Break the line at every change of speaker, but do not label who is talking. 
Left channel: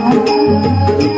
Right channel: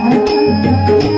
嗯。